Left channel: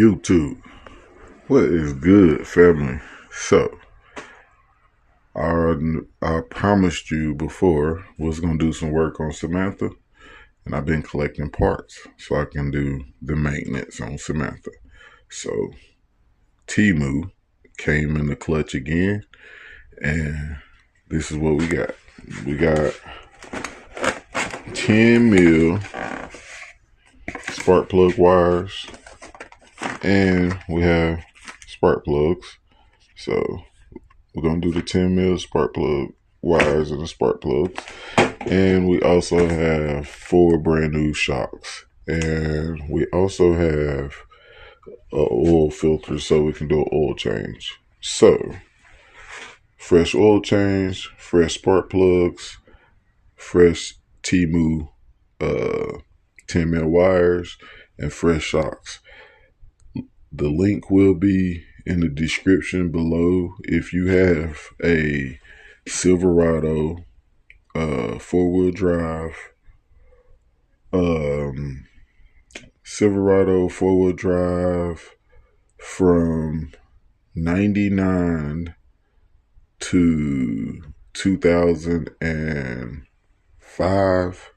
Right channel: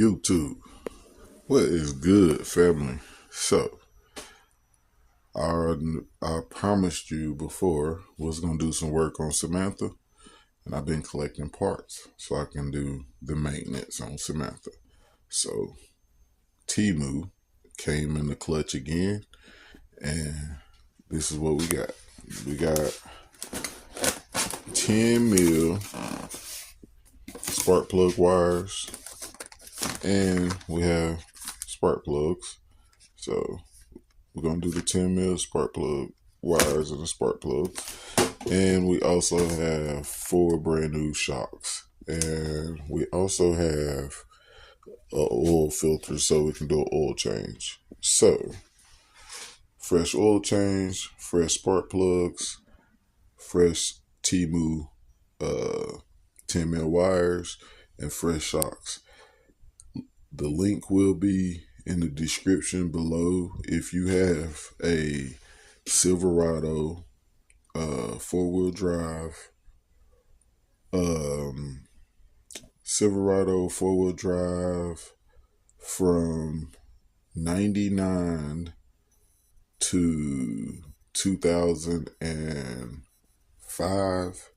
YouTube, what is good, family? So I promised you before was gonna do some work on Samantha, and I've been collecting parts so I can do the maintenance on Samantha. So Temu came in the clutch again, and this is what we got. We got 10 mil spark plug wires, and we have spark plugs. So we're gonna do the 10 mil spark plug wires and the spark plugs. And we also have 4 brand new shocks. And we also have an oil filter so we can do an oil change. So fresh oil change, fresh spark plugs, fresh Temu 10 mil wires, and fresh shocks. The link will be in the description below. If you have a Silverado 4-wheel drive, from 99 to 2005,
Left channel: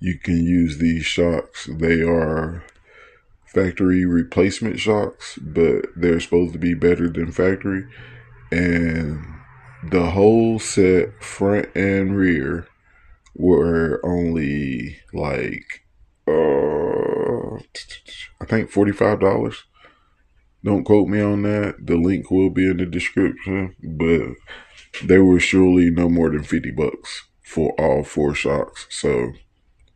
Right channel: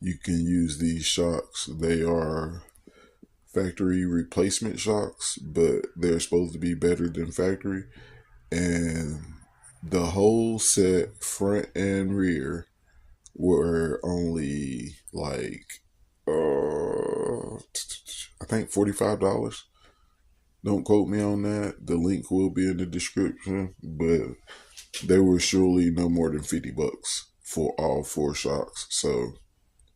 you can use these shocks. They are factory replacement shocks, but they're supposed to be better than factory. And the whole set, front and rear, were only like I think $45. Don't quote me on that. The link will be in the description, but they were surely no more than $50 for all 4 shocks. So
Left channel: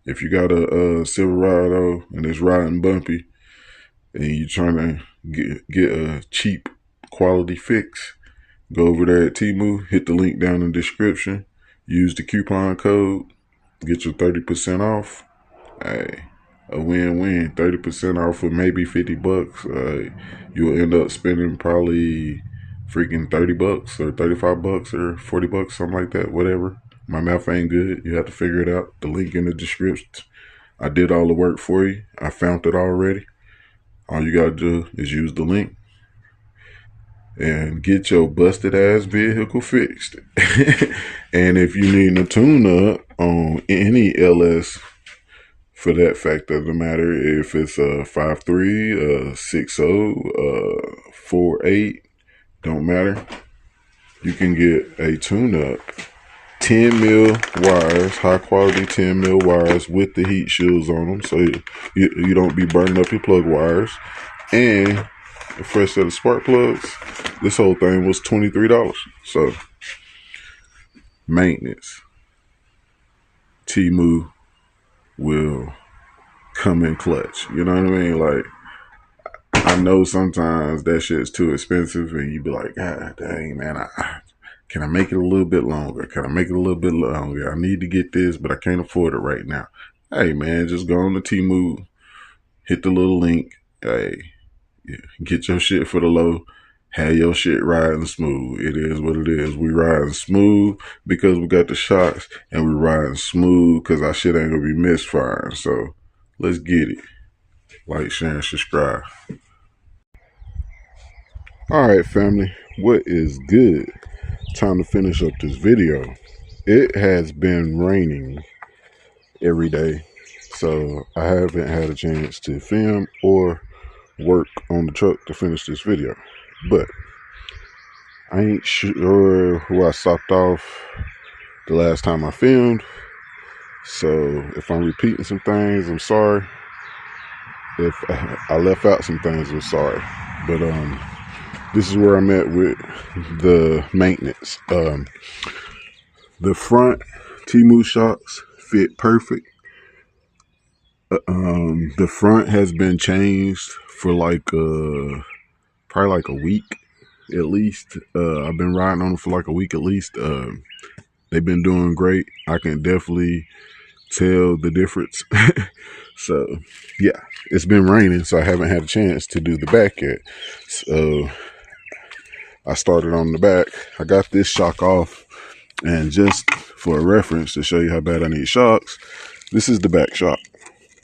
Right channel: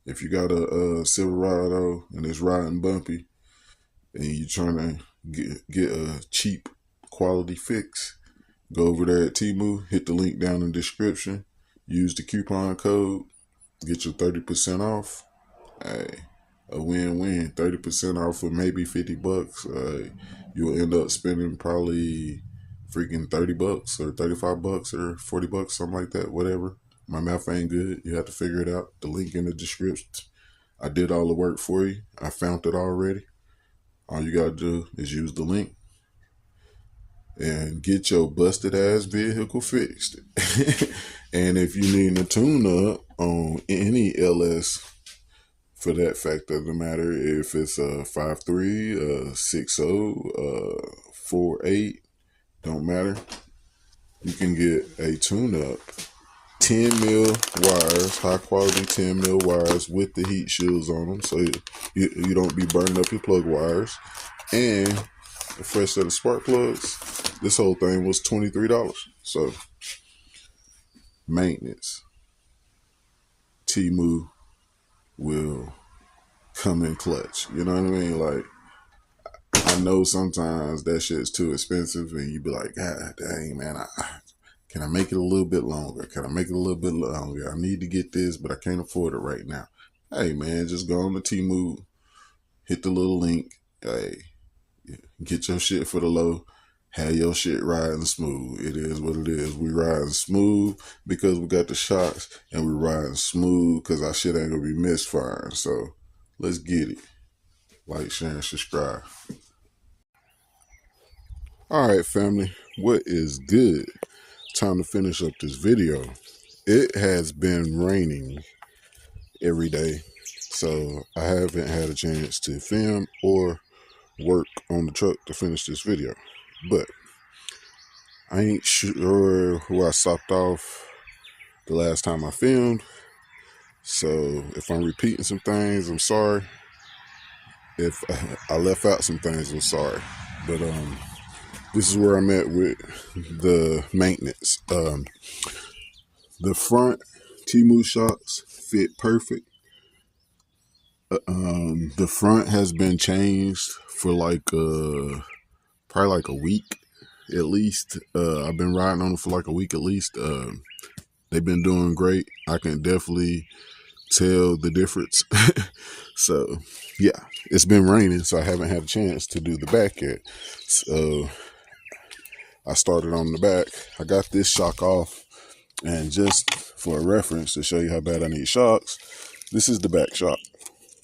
if you got a Silverado and it's riding bumpy, and you're trying to get a cheap quality fix, go over there at Temu, hit the link down in the description, use the coupon code, get your 30% off. Hey, a win-win. 30% off for maybe $50. You'll end up spending probably freaking $30 or $35 or $40, something like that, whatever. My math ain't good. You have to figure it out. The link in the description. I did all the work for you. I found it already. All you gotta do is use the link and get your busted ass vehicle fixed. And if you need a tune up on any LS, for that fact of the matter, if it's a 5.3, a 6.0, 4.8, don't matter. You can get a tune up. 10 mil wires, high quality 10 mil wires with the heat shields on them, so you don't be burning up your plug wires. And a fresh set of spark plugs. This whole thing was $23. So maintenance, Temu will come in clutch. You know what I mean? Like, I know sometimes that shit's too expensive, and you be like, God dang, man, can I make it a little bit longer? Can I make it a little bit longer? I need to get this, but I can't afford it right now. Hey, man, just go on to Temu, hit the little link. Hey, get your shit for the low. Have your shit riding smooth. It is what it is. We riding smooth because we got the shocks, and we riding smooth because our shit ain't gonna be misfiring. So let's get it. Like, share, and subscribe. All right, family, what is good? Time to finish up this video. It has been raining every day, so I haven't had a chance to film or work on the truck to finish this video. But I ain't sure who I stopped off the last time I filmed, so if I'm repeating some things, I'm sorry. If I left out some things, I'm sorry. But this is where I'm at with the maintenance. The front Temu shocks fit perfect. The front has been changed for like probably like a week at least. I've been riding on it for like a week at least. They've been doing great. I can definitely tell the difference. So yeah, it's been raining, so I haven't had a chance to do the back yet. So I started on the back. I got this shock off, and just for a reference to show you how bad I need shocks, this is the back shock.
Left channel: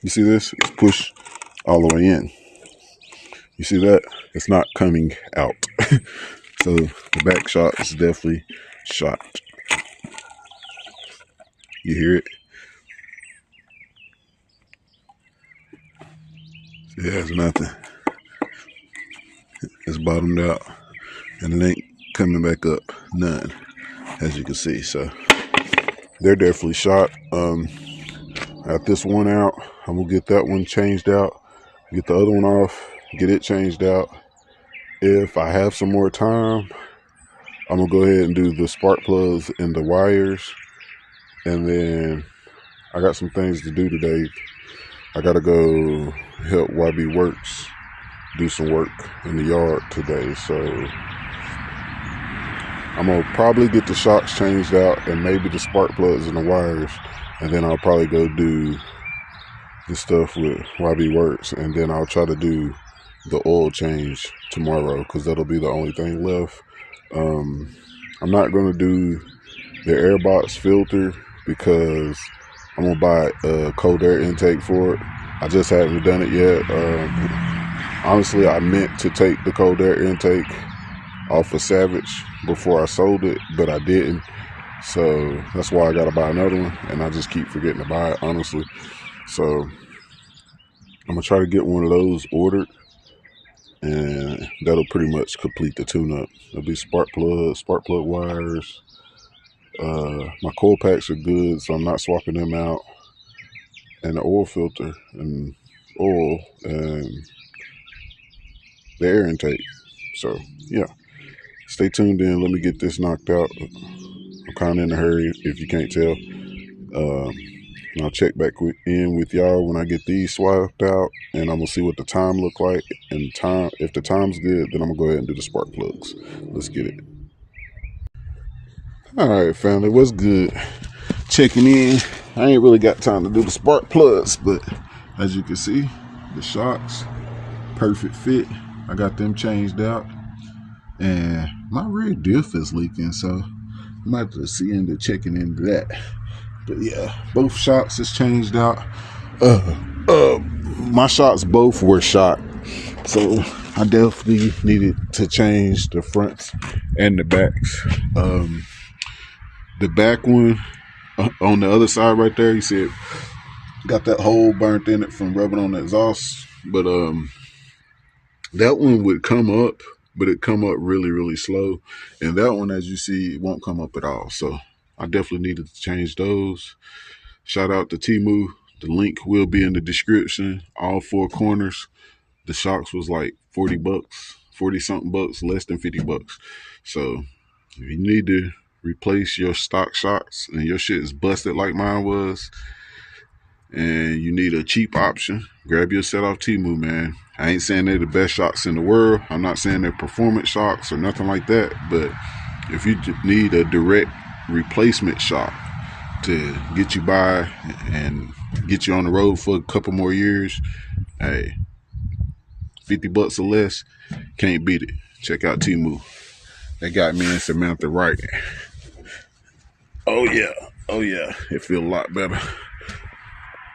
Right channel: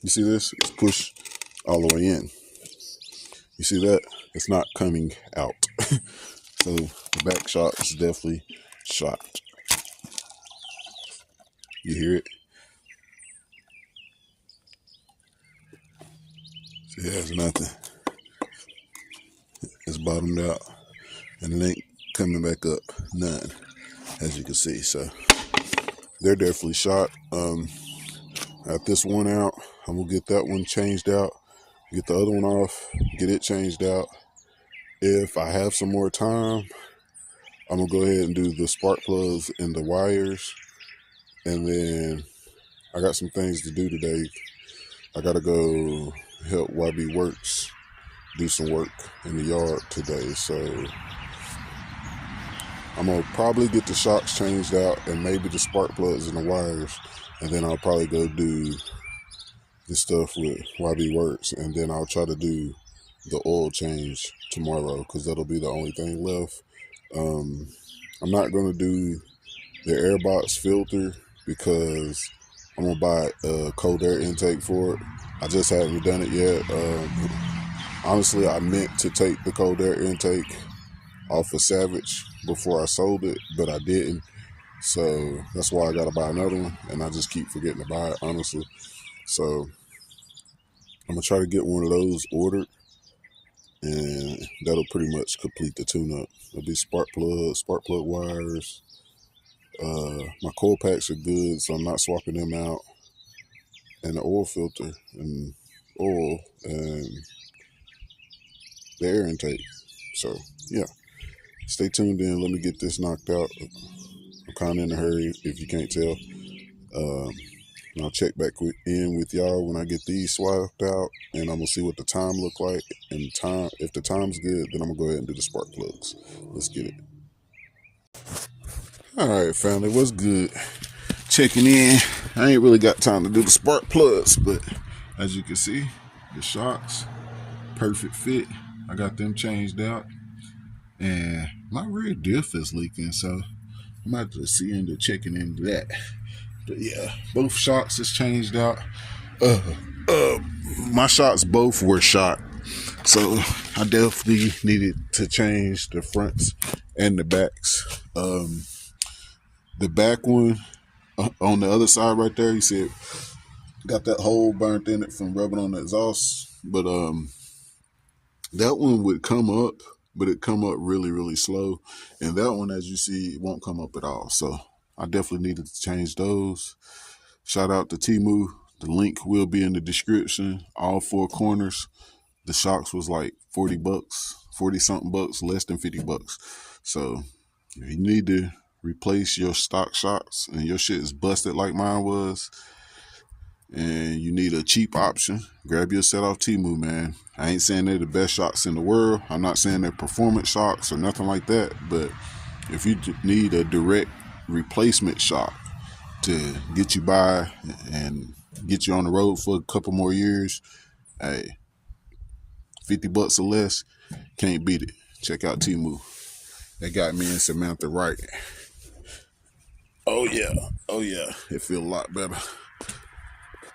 You see this? It's pushed all the way in. You see that? It's not coming out. So the back shock is definitely shot. You hear it? See, it has nothing. It's bottomed out, and it ain't coming back up. None, as you can see. So they're definitely shot. Got this one out. I'm gonna get that one changed out. Get the other one off. Get it changed out. If I have some more time, I'm gonna go ahead and do the spark plugs and the wires. And then I got some things to do today. I gotta go help YB Works do some work in the yard today. So I'm gonna probably get the shocks changed out and maybe the spark plugs and the wires. And then I'll probably go do the stuff with YB Works. And then I'll try to do the oil change tomorrow, because that'll be the only thing left. I'm not gonna do the airbox filter because I'm gonna buy a cold air intake for it. I just haven't done it yet. Honestly, I meant to take the cold air intake off of Savage before I sold it, but I didn't. So that's why I gotta buy another one, and I just keep forgetting to buy it, honestly. So I'm gonna try to get one of those ordered, and that'll pretty much complete the tune-up. It'll be spark plug wires. My coil packs are good, so I'm not swapping them out. And the oil filter and oil and the air intake. So yeah, stay tuned in. Let me get this knocked out. I'm kind of in a hurry, if you can't tell. And I'll check back in with y'all when I get these swapped out, and I'm gonna see what the time look like. And if the time's good, then I'm gonna go ahead and do the spark plugs. Let's get it. All right, family, what's good? Checking in. I ain't really got time to do the spark plugs, but as you can see, the shocks, perfect fit. I got them changed out, and my rear diff is leaking, so I might have to see into checking into that. But yeah, both shocks is changed out. My shocks both were shot, so I definitely needed to change the fronts and the backs. The back one on the other side right there, you see it got that hole burnt in it from rubbing on the exhaust. But that one would come up, but it come up really, really slow. And that one, as you see, it won't come up at all. So I definitely needed to change those. Shout out to Temu. The link will be in the description. All four corners. The shocks was like $40, 40 something bucks, less than $50. So if you need to replace your stock shocks and your shit is busted like mine was, and you need a cheap option, grab your set off Temu, man. I ain't saying they're the best shocks in the world. I'm not saying they're performance shocks or nothing like that, but if you need a direct replacement shock to get you by and get you on the road for a couple more years, hey, $50 or less, can't beat it. Check out Temu. They got me and Samantha right. Oh yeah, it feel a lot better.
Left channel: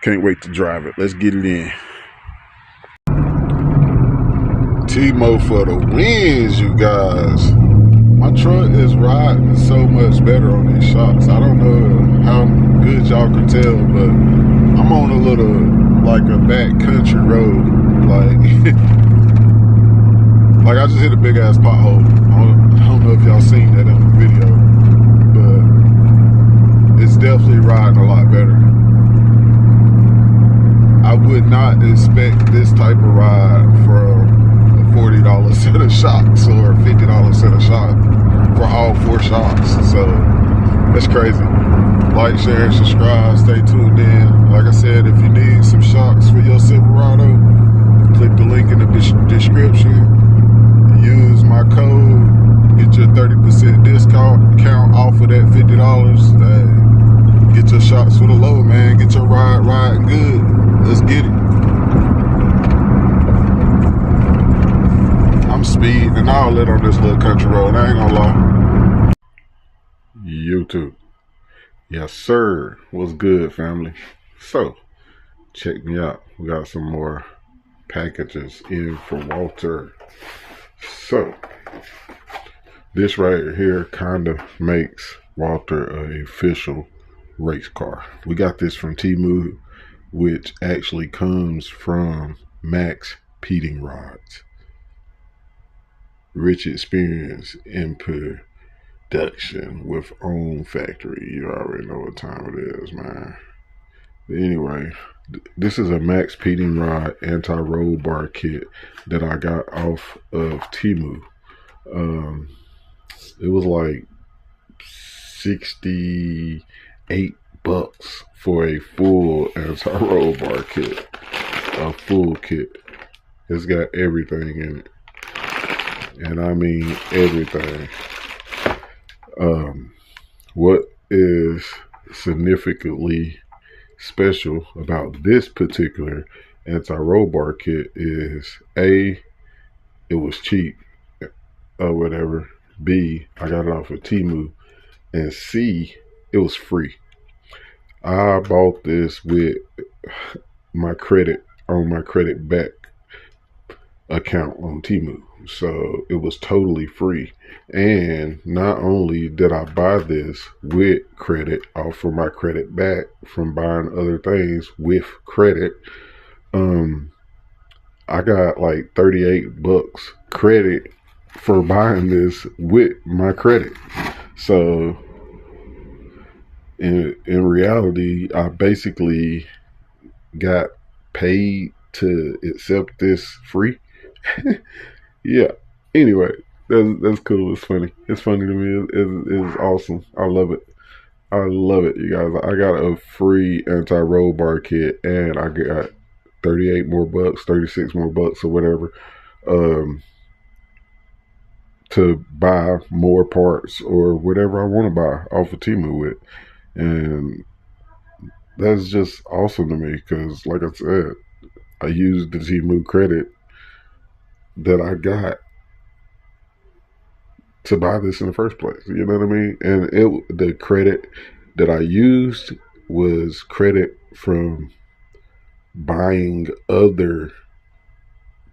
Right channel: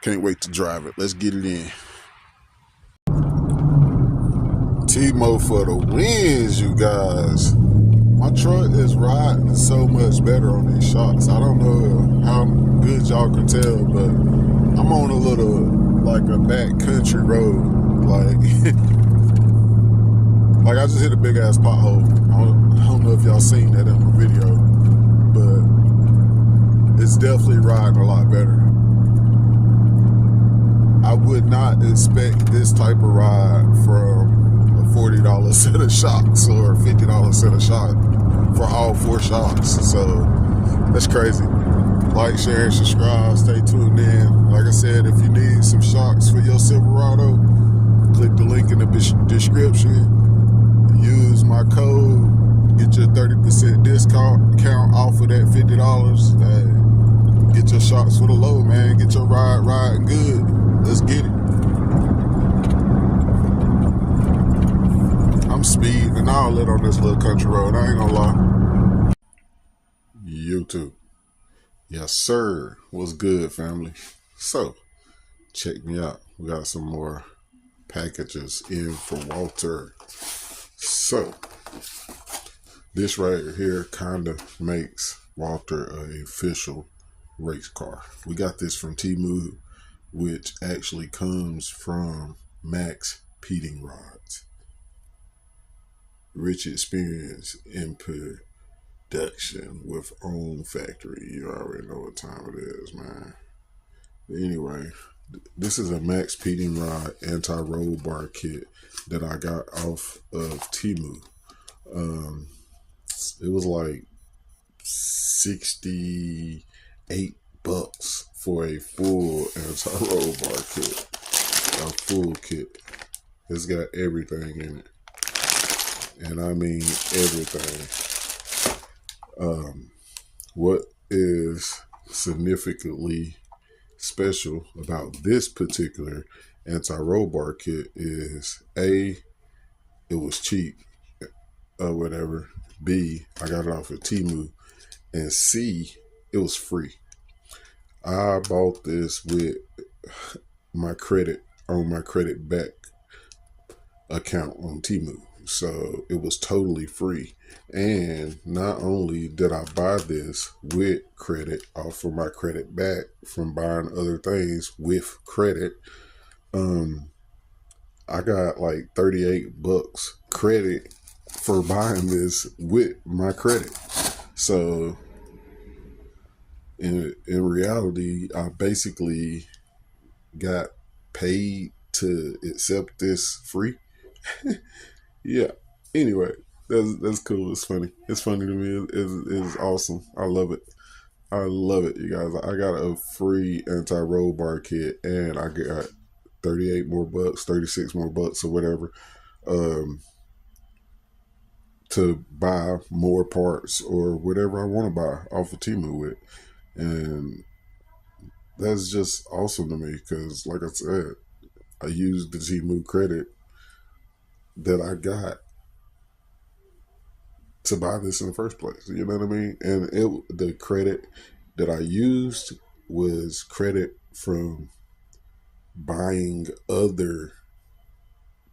Can't wait to drive it. Let's get it in. Temu for the wins, you guys. My truck is riding so much better on these shocks. I don't know how good y'all can tell, but I'm on a little, like a back country road. Like I just hit a big ass pothole. I don't know if y'all seen that in the video, but it's definitely riding a lot better. I would not expect this type of ride from a $40 set of shocks or a $50 set of shocks for all four shocks. So it's crazy. like, share, and subscribe. Stay tuned in. Like I said, if you need some shocks for your Silverado, click the link in the description. Use my code. Get your 30% discount off of that $50. Get your shocks for the low, man. Get your ride riding good. Let's get it. I'm speeding and all that on this little country road. I ain't gonna lie. YouTube. Yes, sir. What's good, family? So, check me out. We got some more packages in for Walter. So, this right here kind of makes Walter an official race car. We got this from Temu, which actually comes from Max Peating Rods. Rich experience in production with own factory. You already know what time it is, man. But anyway, this is a Max Peating Rod anti-roll bar kit that I got off of Temu. It was like $68 for a full anti-roll bar kit. A full kit. It's got everything in it. And I mean everything. What is significantly special about this particular anti-roll bar kit is A, it was cheap or whatever. B, I got it off of Temu. And C, it was free. I bought this with my credit on my credit back account on Temu. So it was totally free. And not only did I buy this with credit off of my credit back from buying other things with credit, I got like $38 credit for buying this with my credit. So in reality, I basically got paid to accept this free. Yeah. Anyway, that's cool. It's funny. It's funny to me. It's awesome. I love it. I love it, you guys. I got a free anti-roll bar kit, and I got 38 more bucks, 36 more bucks, or whatever, to buy more parts or whatever I want to buy off of Temu with. And that's just awesome to me because, like I said, I used the Temu credit that I got to buy this in the first place. You know what I mean? And the credit that I used was credit from buying other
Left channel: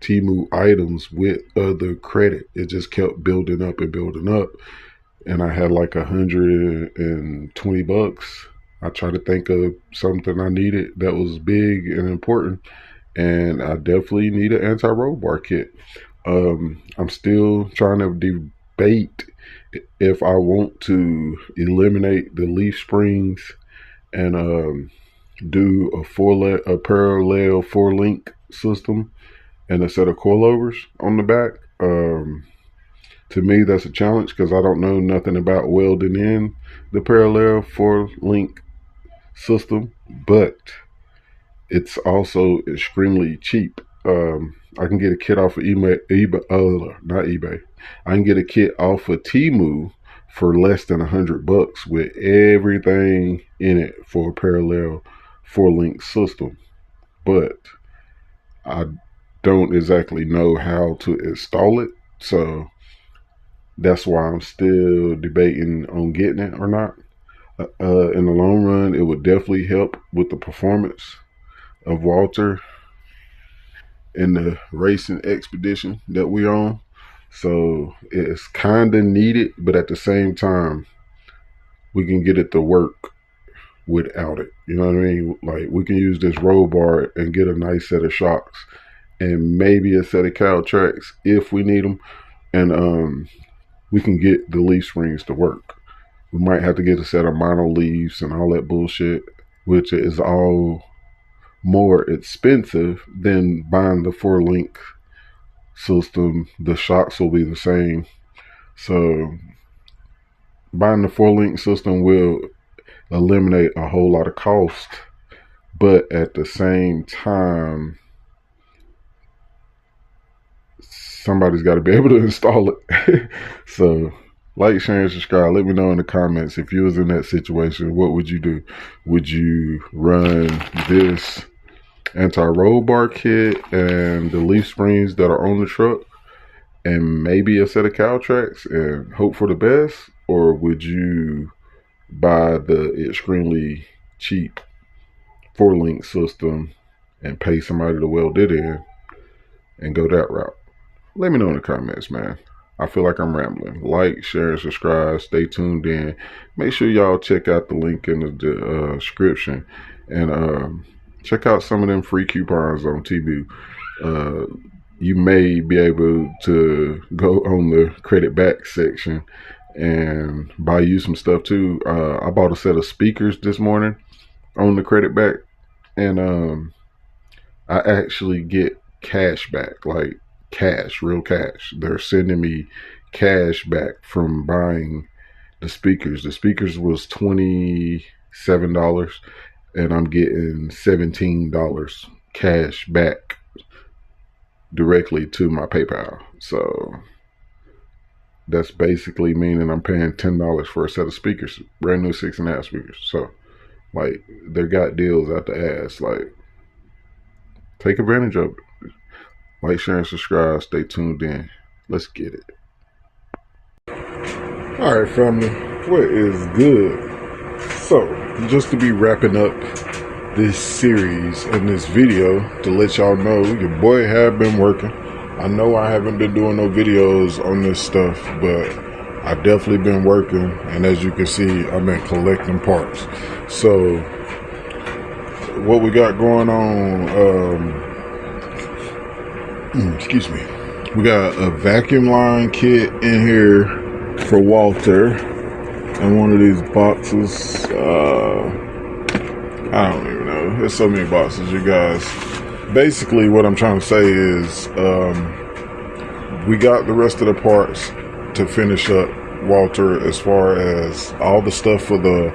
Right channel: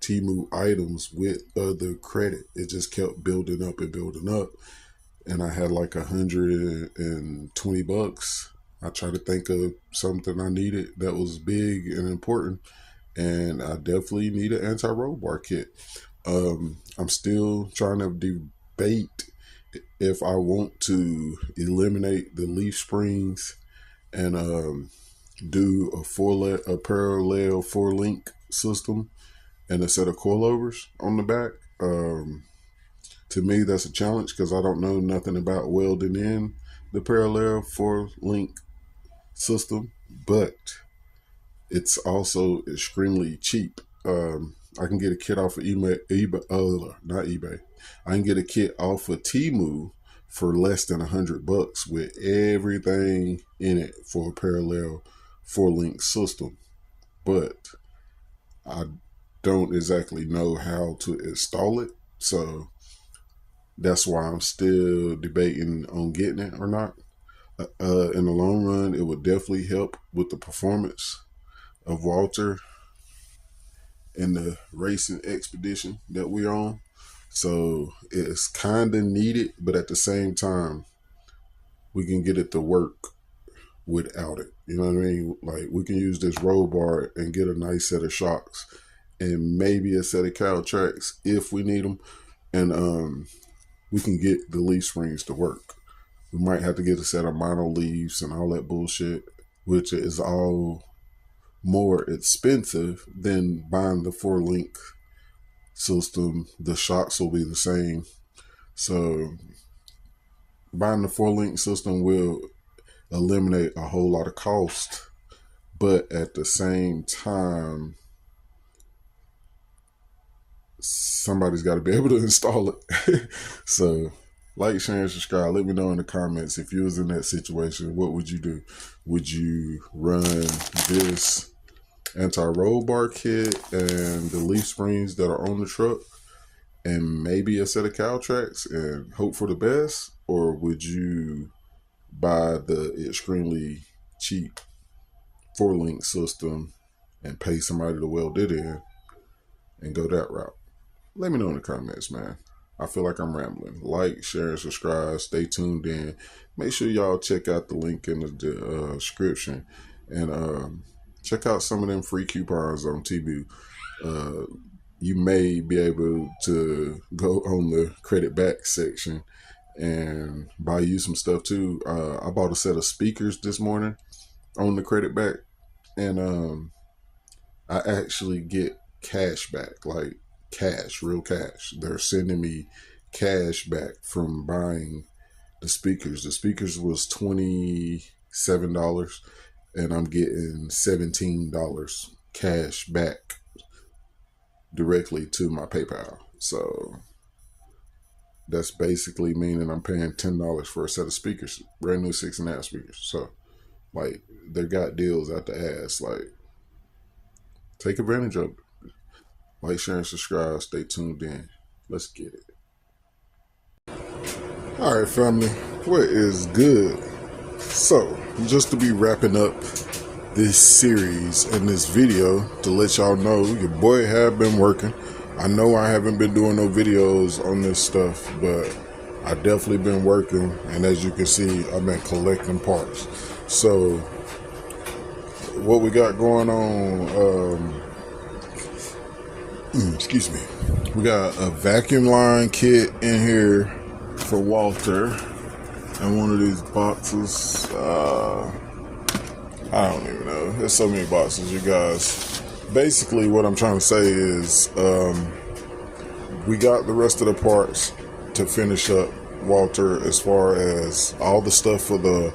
Temu items with other credit. It just kept building up and building up. And I had like $120. I tried to think of something I needed that was big and important. And I definitely need an anti-roll bar kit. I'm still trying to debate if I want to eliminate the leaf springs and do a parallel 4-link system and a set of coilovers on the back. To me, that's a challenge because I don't know nothing about welding in the parallel 4-link system, but it's also extremely cheap. I can get a kit off of not eBay. I can get a kit off of Temu for less than $100 with everything in it for a parallel 4-link system. But I don't exactly know how to install it. So that's why I'm still debating on getting it or not. In the long run, it would definitely help with the performance of Walter in the racing expedition that we're on. So it's kind of needed, but at the same time, we can get it to work without it. You know what I mean? Like, we can use this roll bar and get a nice set of shocks and maybe a set of cow tracks if we need them. And we can get the leaf springs to work. We might have to get a set of mono leaves and all that bullshit, which is all more expensive than buying the 4-link system. The shocks will be the same. So buying the 4-link system will eliminate a whole lot of cost, but at the same time, somebody's got to be able to install it. So like, share, and subscribe. Let me know in the comments, if you was in that situation, what would you do? Would you run this anti-roll bar kit and the leaf springs that are on the truck and maybe a set of cow tracks and hope for the best? Or would you buy the extremely cheap 4-link system and pay somebody to weld it in and go that route? Let me know in the comments, man. I feel like I'm rambling. Like, share, and subscribe. Stay tuned in. Make sure y'all check out the link in the description. And check out some of them free coupons on Temu. You may be able to go on the credit back section and buy you some stuff too. I bought a set of speakers this morning on the credit back. And I actually get cash back, like cash, real cash. They're sending me cash back from buying the speakers. The speakers was $27 and I'm getting $17 cash back directly to my PayPal. So that's basically meaning I'm paying $10 for a set of speakers, brand new 6.5 speakers. So like, they got deals out the ass. Like, take advantage of it. Like, share, and subscribe. Stay tuned in. Let's get it. All right, family. What is good? So, just to be wrapping up this series and this video, to let y'all know, your boy have been working. I know I haven't been doing no videos on this stuff, but I definitely been working. And as you can see, I've been collecting parts. So, what we got going on, excuse me, we got a vacuum line kit in here for Walter in one of these boxes. I don't even know, there's so many boxes, you guys. Basically what I'm trying to say is we got the rest of the parts to finish up Walter, as far as all the stuff for the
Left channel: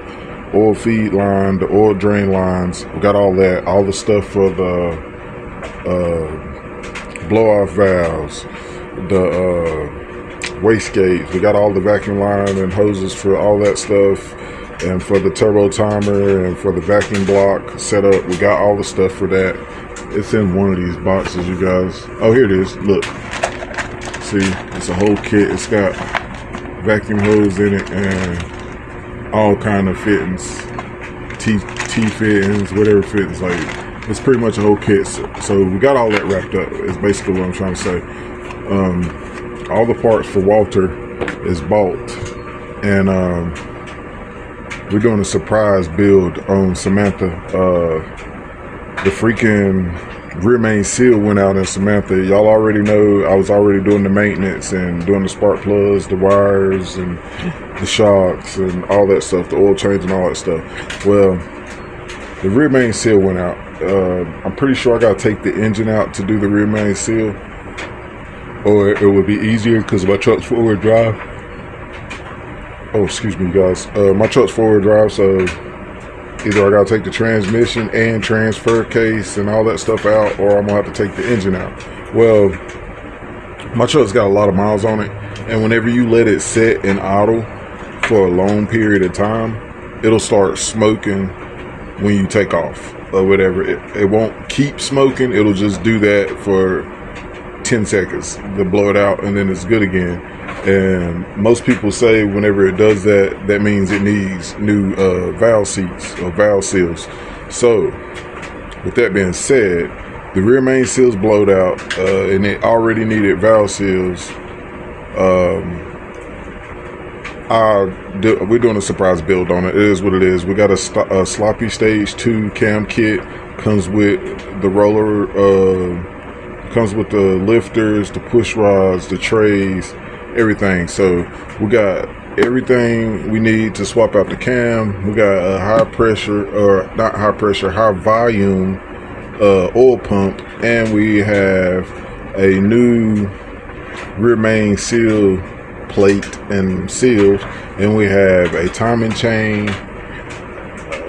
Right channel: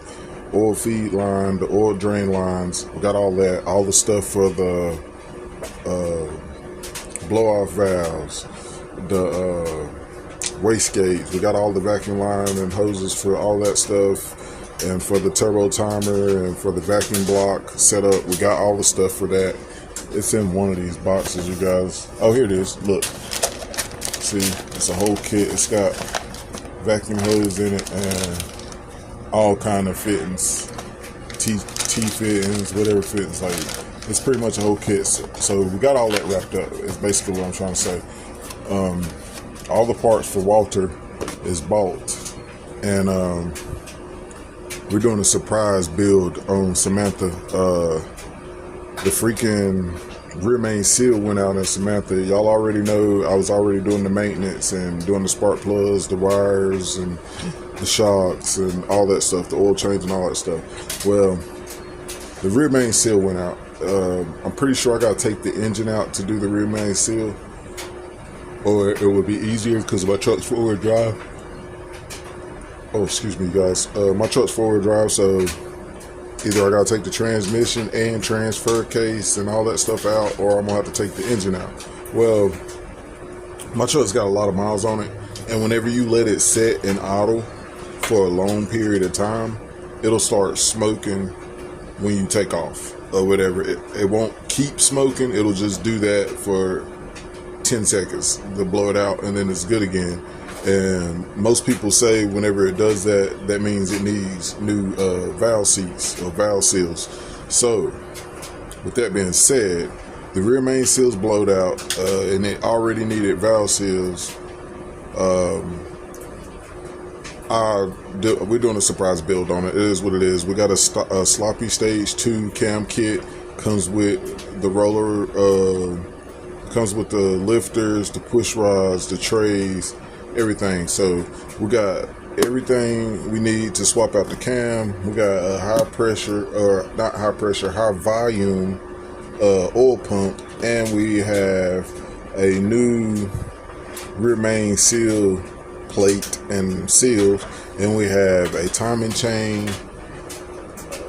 oil feed line, the oil drain lines. We got all that, all the stuff for the blow-off valves, the wastegates. We got all the vacuum line and hoses for all that stuff, and for the turbo timer and for the vacuum block setup. We got all the stuff for that. It's in one of these boxes, you guys. Oh, here it is. Look, see, it's a whole kit. It's got vacuum hose in it and all kind of fittings, T fittings, whatever fittings. Like, it's pretty much a whole kit. So we got all that wrapped up. It's basically what I'm trying to say. All the parts for Walter is bought, and we're doing a surprise build on Samantha. The freaking rear main seal went out in Samantha. Y'all already know I was already doing the maintenance and doing the spark plugs, the wires, and the shocks and all that stuff, the oil change and all that stuff. Well, the rear main seal went out. I'm pretty sure I gotta take the engine out to do the rear main seal, or it would be easier because my truck's four-wheel drive. Oh, excuse me, guys. My truck's four-wheel drive, so either I gotta take the transmission and transfer case and all that stuff out, or I'm gonna have to take the engine out. Well, my truck's got a lot of miles on it, and whenever you let it sit in idle for a long period of time, it'll start smoking when you take off or whatever. It won't keep smoking. It'll just do that for 10 seconds to blow it out, and then it's good again. And most people say whenever it does that, that means it needs new valve seats or valve seals. So with that being said, the rear main seals blowed out, and it already needed valve seals. We're doing a surprise build on it. It is what it is. We got a sloppy stage 2 cam kit. Comes with the roller, comes with the lifters, the push rods, the trays, everything. So we got everything we need to swap out the cam. We got a high pressure, or not high pressure, high volume oil pump, and we have a new rear main seal plate and seals, and we have a timing chain,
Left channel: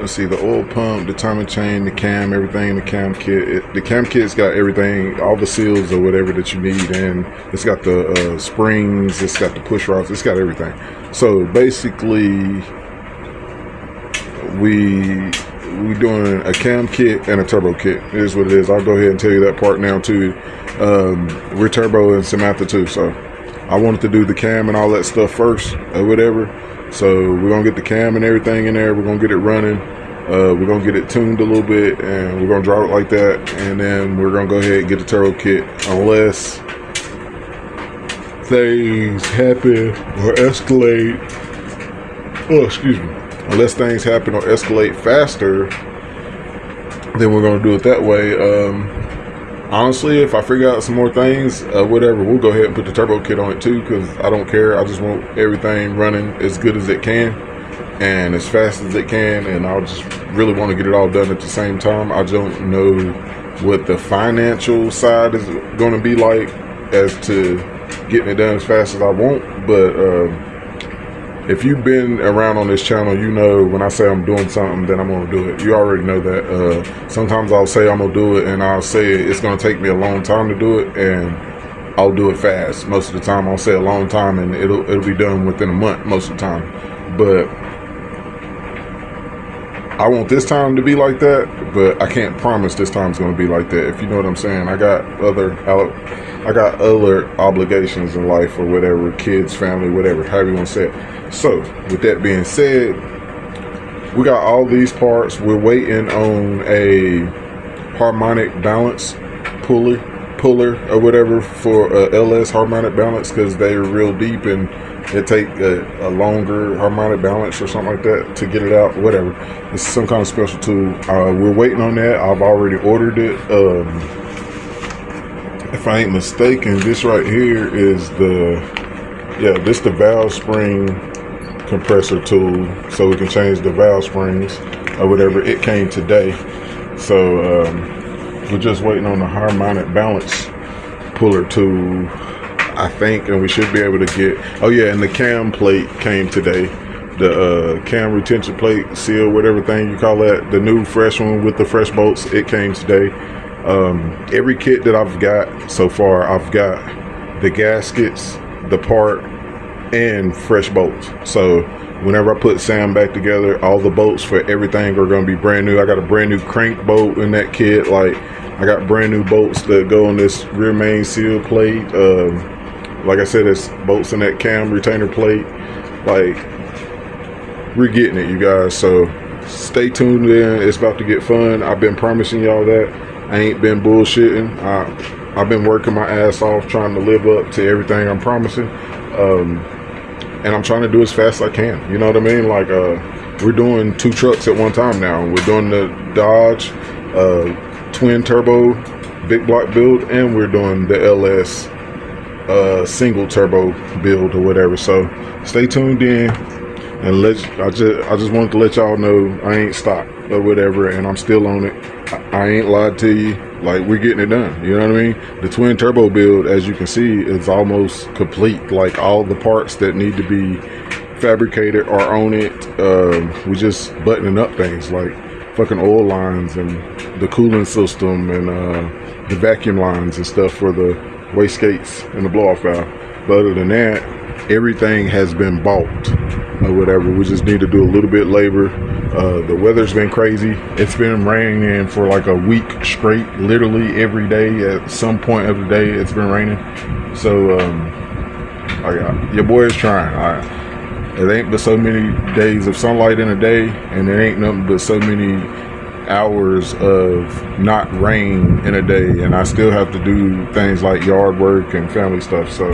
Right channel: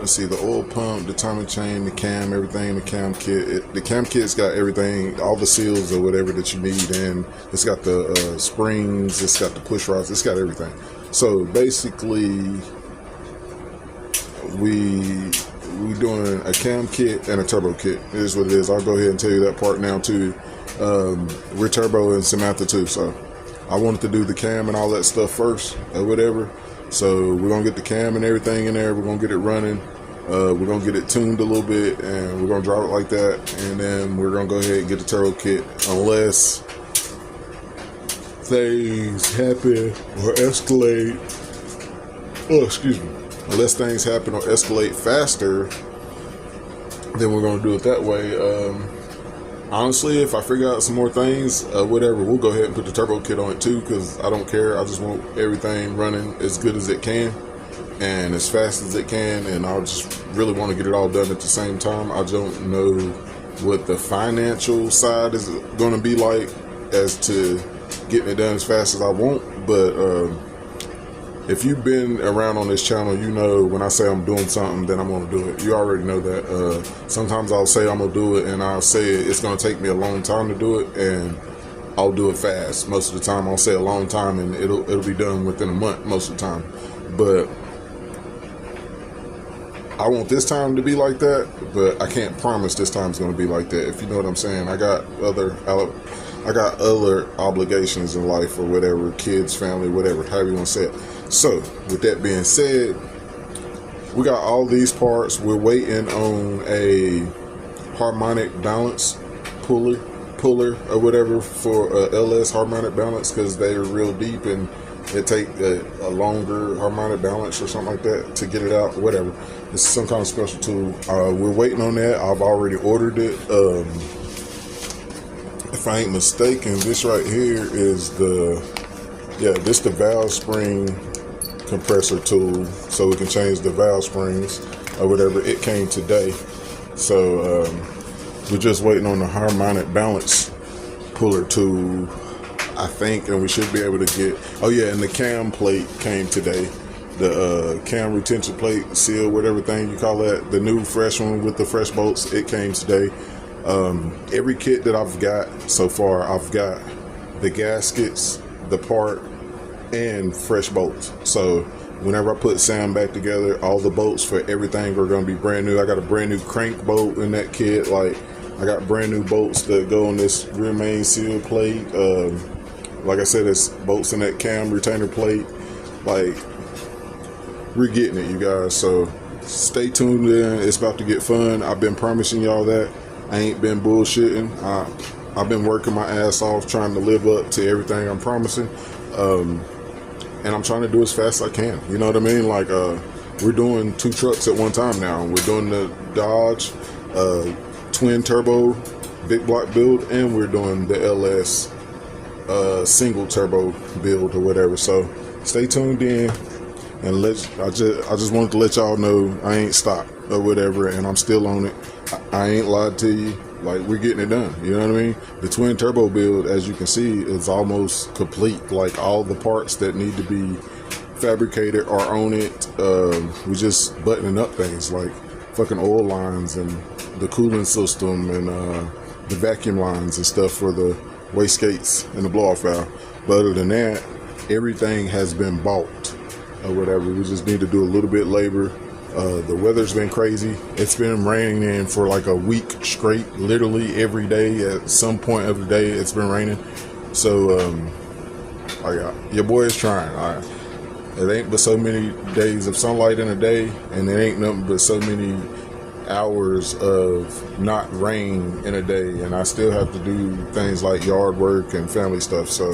let's see, the oil pump, the timing chain, the cam, everything, the cam kit. The cam kit's got everything, all the seals or whatever that you need, and it's got the springs, it's got the push rods, it's got everything. So basically, we doing a cam kit and a turbo kit. It is what it is. I'll go ahead and tell you that part now too. We're turbo and Samantha too, so I wanted to do the cam and all that stuff first or whatever. So we're gonna get the cam and everything in there. We're gonna get it running. We're gonna get it tuned a little bit, and we're gonna drive it like that. And then we're gonna go ahead and get the turbo kit, unless things happen or escalate. Oh, excuse me. Unless things happen or escalate faster, then we're gonna do it that way. Honestly, if I figure out some more things, whatever, we'll go ahead and put the turbo kit on it too, because I don't care. I just want everything running as good as it can and as fast as it can, and I'll just really want to get it all done at the same time. I don't know what the financial side is going to be like as to getting it done as fast as I want, but if you've been around on this channel, you know when I say I'm doing something, then I'm going to do it. You already know that. Sometimes I'll say I'm going to do it, and I'll say it's going to take me a long time to do it, and I'll do it fast. Most of the time, I'll say a long time, and it'll be done within a month most of the time. But I want this time to be like that, but I can't promise this time's going to be like that, if you know what I'm saying. I got other obligations in life or whatever, kids, family, whatever, however you want to say it. So, with that being said, we got all these parts. We're waiting on a harmonic balance puller or whatever for a LS harmonic balance, because they're real deep and it take a longer harmonic balance or something like that to get it out, whatever. It's some kind of special tool. We're waiting on that. I've already ordered it. If I ain't mistaken, this right here is the valve spring compressor tool, so we can change the valve springs or whatever. It came today, so we're just waiting on the harmonic balance puller tool, I think, and we should be able to get, oh yeah, and the cam plate came today, the cam retention plate, seal, whatever thing you call that, the new fresh one with the fresh bolts, it came today. Every kit that I've got so far, I've got the gaskets, the part, and fresh bolts. So whenever I put Sam back together, all the bolts for everything are going to be brand new. I got a brand new crank bolt in that kit. Like, I got brand new bolts that go on this rear main seal plate. Like I said, there's bolts in that cam retainer plate. Like, we're getting it, you guys. So stay tuned in. It's about to get fun. I've been promising y'all that. I ain't been bullshitting. I've been working my ass off trying to live up to everything I'm promising. And I'm trying to do as fast as I can. You know what I mean? Like, we're doing 2 trucks at one time now. We're doing the Dodge twin turbo big block build, and we're doing the LS single turbo build or whatever. So stay tuned in, and I just wanted to let y'all know I ain't stopped or whatever, and I'm still on it. I ain't lied to you. Like, we're getting it done, you know what I mean? The twin turbo build, as you can see, is almost complete. Like, all the parts that need to be fabricated are on it. We just buttoning up things like fucking oil lines and the cooling system and the vacuum lines and stuff for the wastegates and the blow-off valve. But other than that, everything has been bought or whatever. We just need to do a little bit of labor. The weather's been crazy. It's been raining for like a week straight, literally every day. At some point of the day, it's been raining. So your boy is trying. It ain't but so many days of sunlight in a day, and it ain't nothing but so many hours of not rain in a day, and I still have to do things like yard work and family stuff. So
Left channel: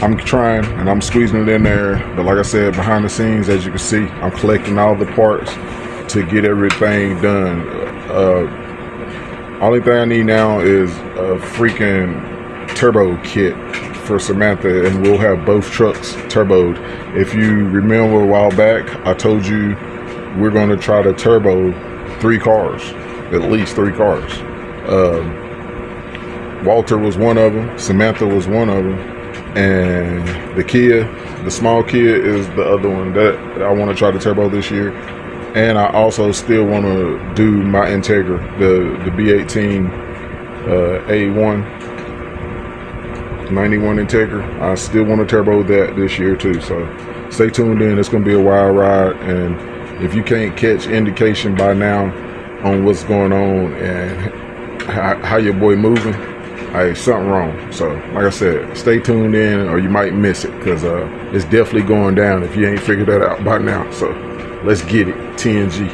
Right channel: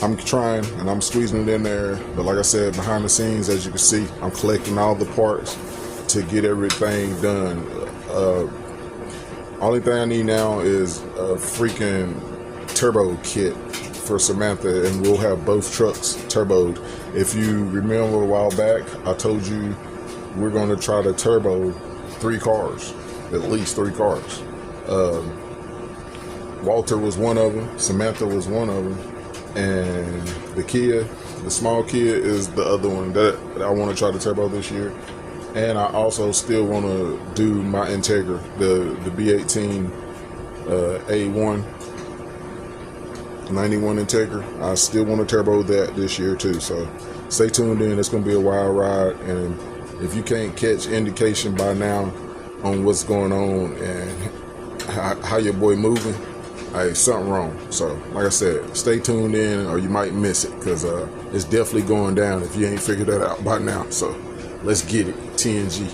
I'm trying, and I'm squeezing it in there. But like I said, behind the scenes, as you can see, I'm collecting all the parts to get everything done. Only thing I need now is a freaking turbo kit for Samantha, and we'll have both trucks turboed. If you remember a while back, I told you we're going to try to turbo 3 cars, at least 3 cars. Walter was one of them, Samantha was one of them, and the Kia, the small Kia, is the other one that I want to try to turbo this year. And I also still want to do my Integra, the B18 A1 91 Integra. I still want to turbo that this year too. So stay tuned in. It's going to be a wild ride. And if you can't catch indication by now on what's going on and how your boy moving, hey, something wrong. So like I said, stay tuned in or you might miss it, because it's definitely going down if you ain't figured that out by now. So let's get it. TNG.